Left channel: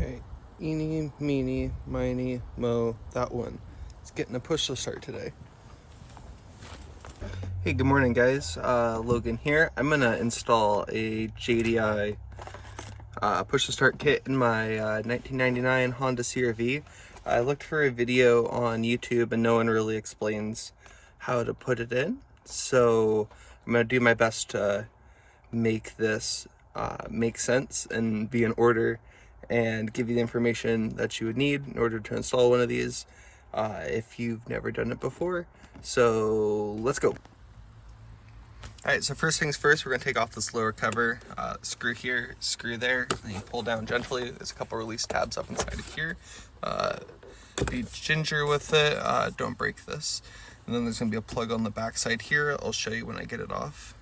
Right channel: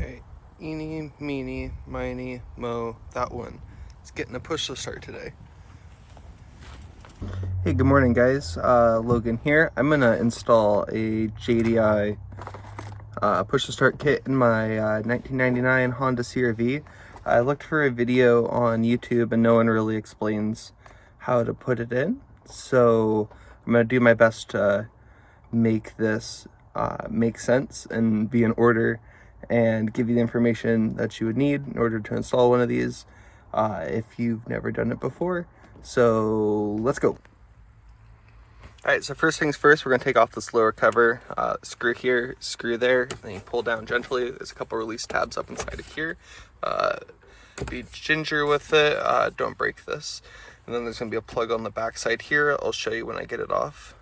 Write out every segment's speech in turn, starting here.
Alright, eeny, meeny, miny, mo, that one. It's getting a push to start today. Hey, good morning guys, Logan here. I'm gonna install a JDI push to start kit in my 1999 Honda CR-V. I looked for a video on YouTube and no one really explains how to put it in. So I'm gonna do my best to make this make sense and be in order and give you the information that you would need in order to install one of these if you've never done it before. So let's go. Alright, so first things first, we're going to take off this lower cover, screw here, screw there, then you pull down gently. There's a couple release tabs up inside of here. Be ginger with it, don't break this. And then there's going to be a plug on the back side here. I'll show you when I get it off.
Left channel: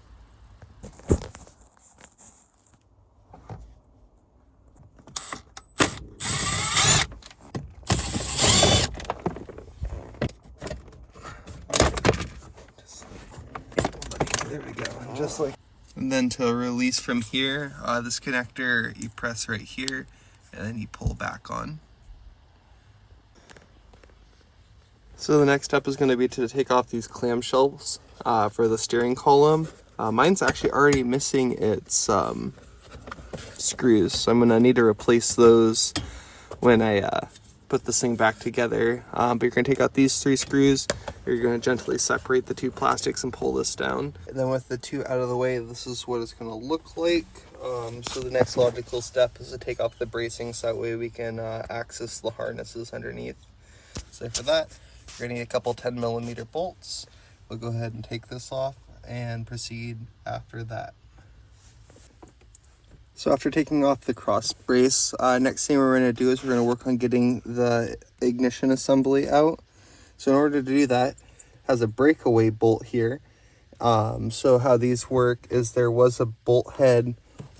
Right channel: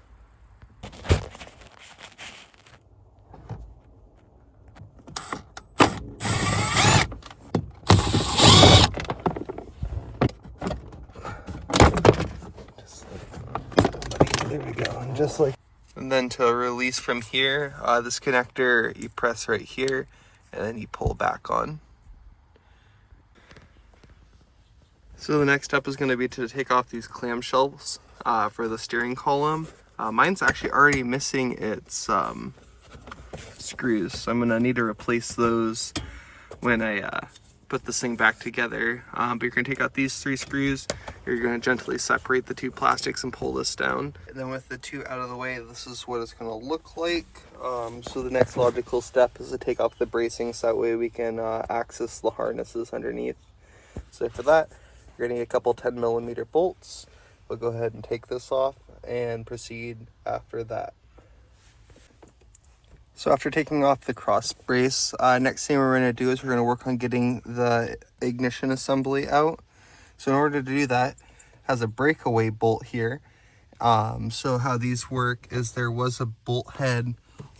There we go, and just like. And then to release from here, this connector, you press right here, and then you pull back on. So the next step is going to be to take off these clamshells for the steering column. Mine's actually already missing its screws, so I'm going to need to replace those when I put this thing back together. But you're going to take out these 3 screws. You're going to gently separate the 2 plastics and pull this down. And then with the 2 out of the way, this is what it's going to look like. So the next logical step is to take off the bracing so that way we can access the harnesses underneath. So for that, you're going to need a couple 10mm bolts. We'll go ahead and take this off and proceed after that. So after taking off the cross brace, next thing we're going to do is we're going to work on getting the ignition assembly out. So in order to do that, it has a breakaway bolt here. So how these work is there was a bolt head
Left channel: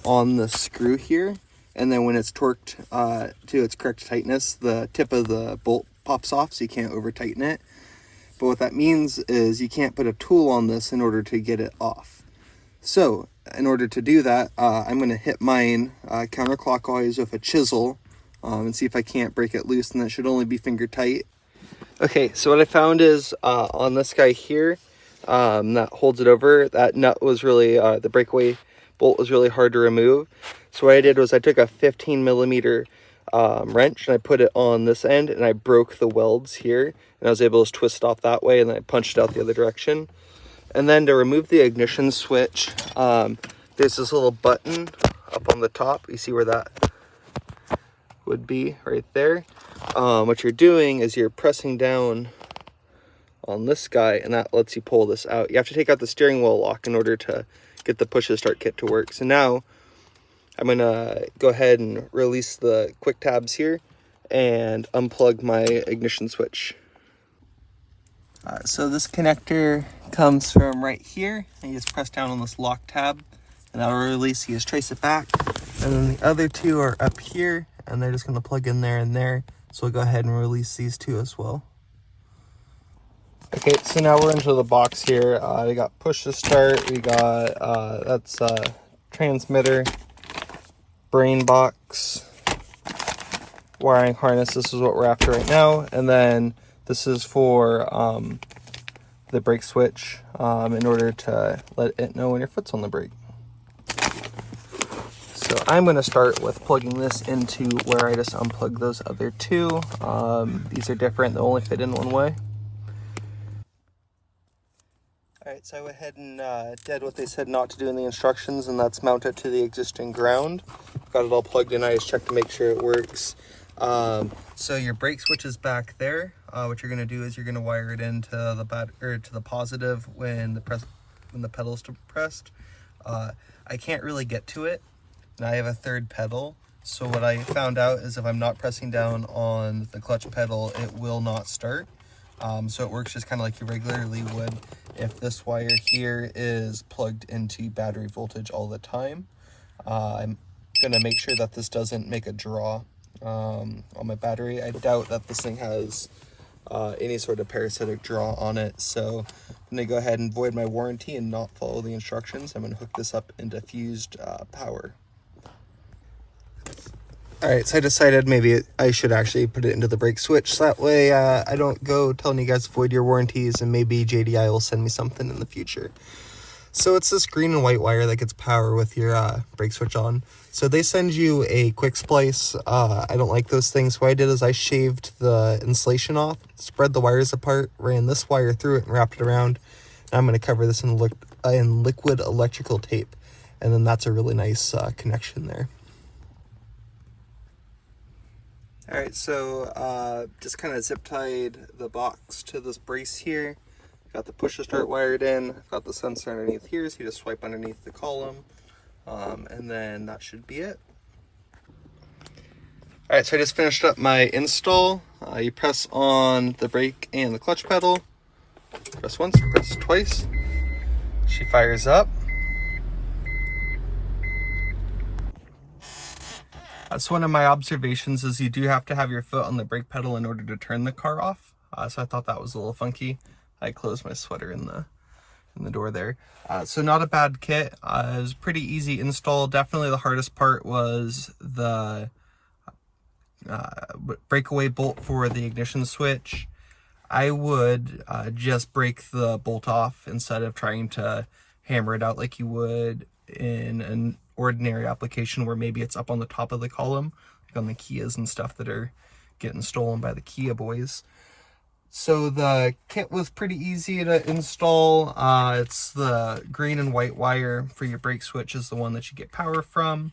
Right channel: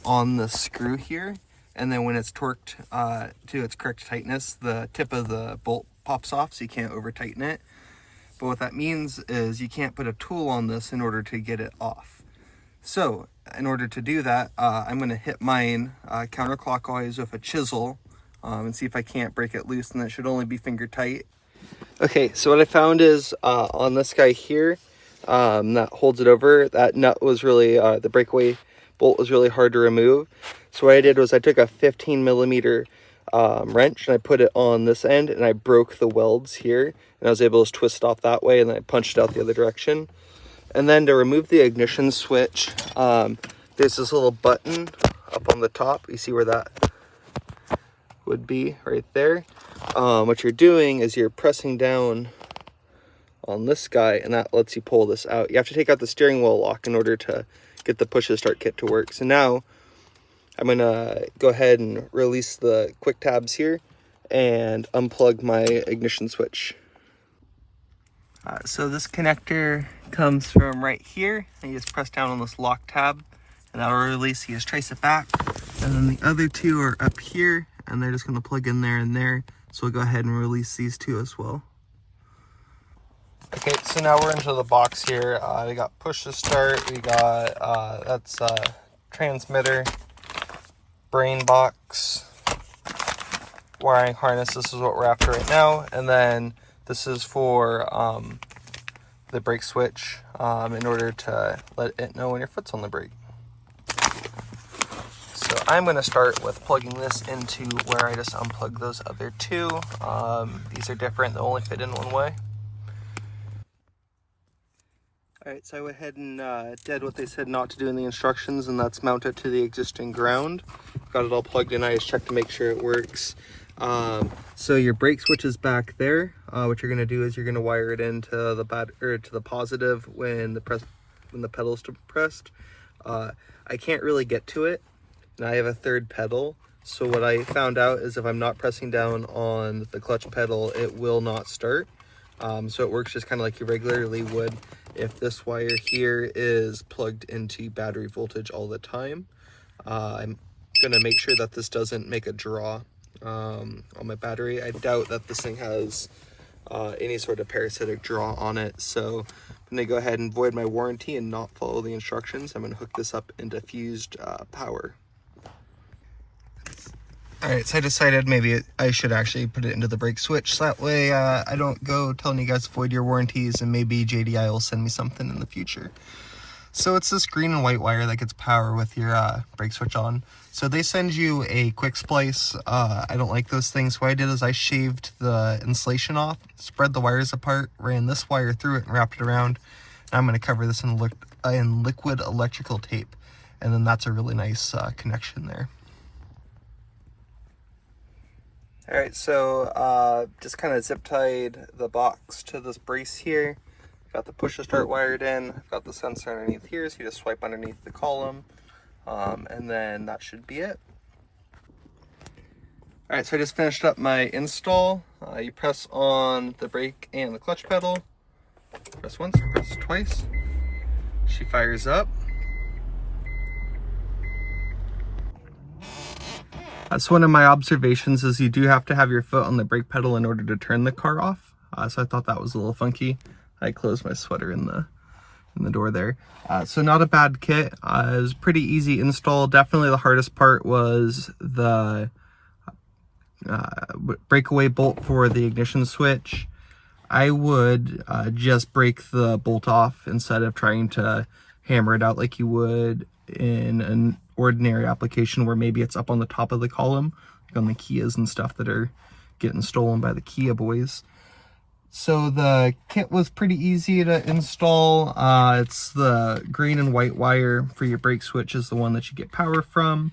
on the screw here, and then when it's torqued to its correct tightness, the tip of the bolt pops off, so you can't over tighten it. But what that means is you can't put a tool on this in order to get it off. So in order to do that, I'm going to hit mine counterclockwise with a chisel and see if I can't break it loose, and that should only be finger tight. Okay, so what I found is on this guy here that holds it over, that nut was really, the breakaway bolt was really hard to remove. So what I did was I took a 15mm wrench and I put it on this end and I broke the welds here, and I was able to twist off that way, and then I punched out the other direction. And then to remove the ignition switch, there's this little button up on the top. You see where that would be right there. What you're doing is you're pressing down on this guy, and that lets you pull this out. You have to take out the steering wheel lock in order to get the push to start kit to work. So now I'm gonna go ahead and release the quick tabs here and unplug my ignition switch. So this connector comes from right here, and you just press down on this lock tab and that'll release. You just trace it back, and then the other 2 are up here and they're just going to plug in there and there. So we'll go ahead and release these 2 as well. Okay, so now we're into the box here. We got push to start, we got that's transmitter, brain box, wiring harness. This is what we're after right now, and then this is for the brake switch in order to let it know when your foot's on the brake. So I'm going to start with plugging this into where I just unplugged those other 2. These are different, they only fit in one way. Alright, so I went ahead and did what they said not to do in the instructions, and that's mount it to the existing ground. Got it all plugged in. I just checked to make sure it works. So your brake switch is back there. What you're going to do is you're going to wire it into the positive when the pedal's depressed. I can't really get to it, and I have a 3rd pedal. So what I found out is if I'm not pressing down on the clutch pedal, it will not start. So it works just kind of like you regularly would if this wire here is plugged into battery voltage all the time. I'm going to make sure that this doesn't make a draw on my battery. I doubt that this thing has any sort of parasitic draw on it, so I'm going to go ahead and void my warranty and not follow the instructions. I'm going to hook this up into fused power. Alright, so I decided maybe I should actually put it into the brake switch, so that way I don't go telling you guys to void your warranties, and maybe JDI will send me something in the future. So it's this green and white wire that gets power with your brake switch on. So they send you a quick splice. I don't like those things. What I did is I shaved the insulation off, spread the wires apart, ran this wire through it and wrapped it around. And I'm going to cover this in liquid electrical tape. And then that's a really nice connection there. All right, so just kind of zip tied the box to this brace here. Got the push to start wired in. Got the sensor underneath here, so you just swipe underneath the column, and then that should be it. All right, so I just finished up my install. You press on the brake and the clutch pedal. Press once, press twice. She fires up. So one of my observations is you do have to have your foot on the brake pedal in order to turn the car off. So I thought that was a little funky. I closed my sweater in the door there. So not a bad kit. It was pretty easy install. Definitely the hardest part was the breakaway bolt for the ignition switch. I would just break the bolt off instead of trying to hammer it out like you would in an ordinary application where maybe it's up on the top of the column, like on the Kias and stuff that are getting stolen by the Kia boys. So the kit was pretty easy to install. It's the green and white wire for your brake switch is the one that you get power from.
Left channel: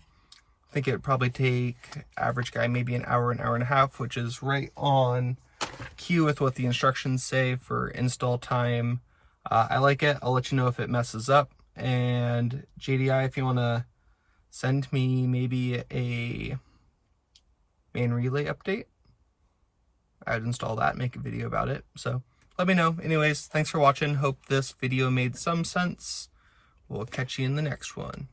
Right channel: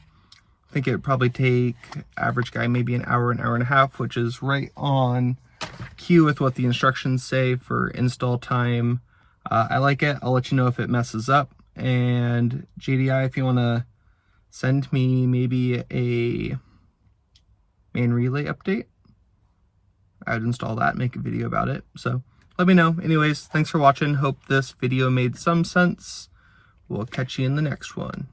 I think it would probably take average guy maybe an hour and a half, which is right on cue with what the instructions say for install time. I like it. I'll let you know if it messes up. And JDI, if you want to send me maybe a main relay update, I'd install that, make a video about it. So let me know. Anyways, thanks for watching. Hope this video made some sense. We'll catch you in the next one.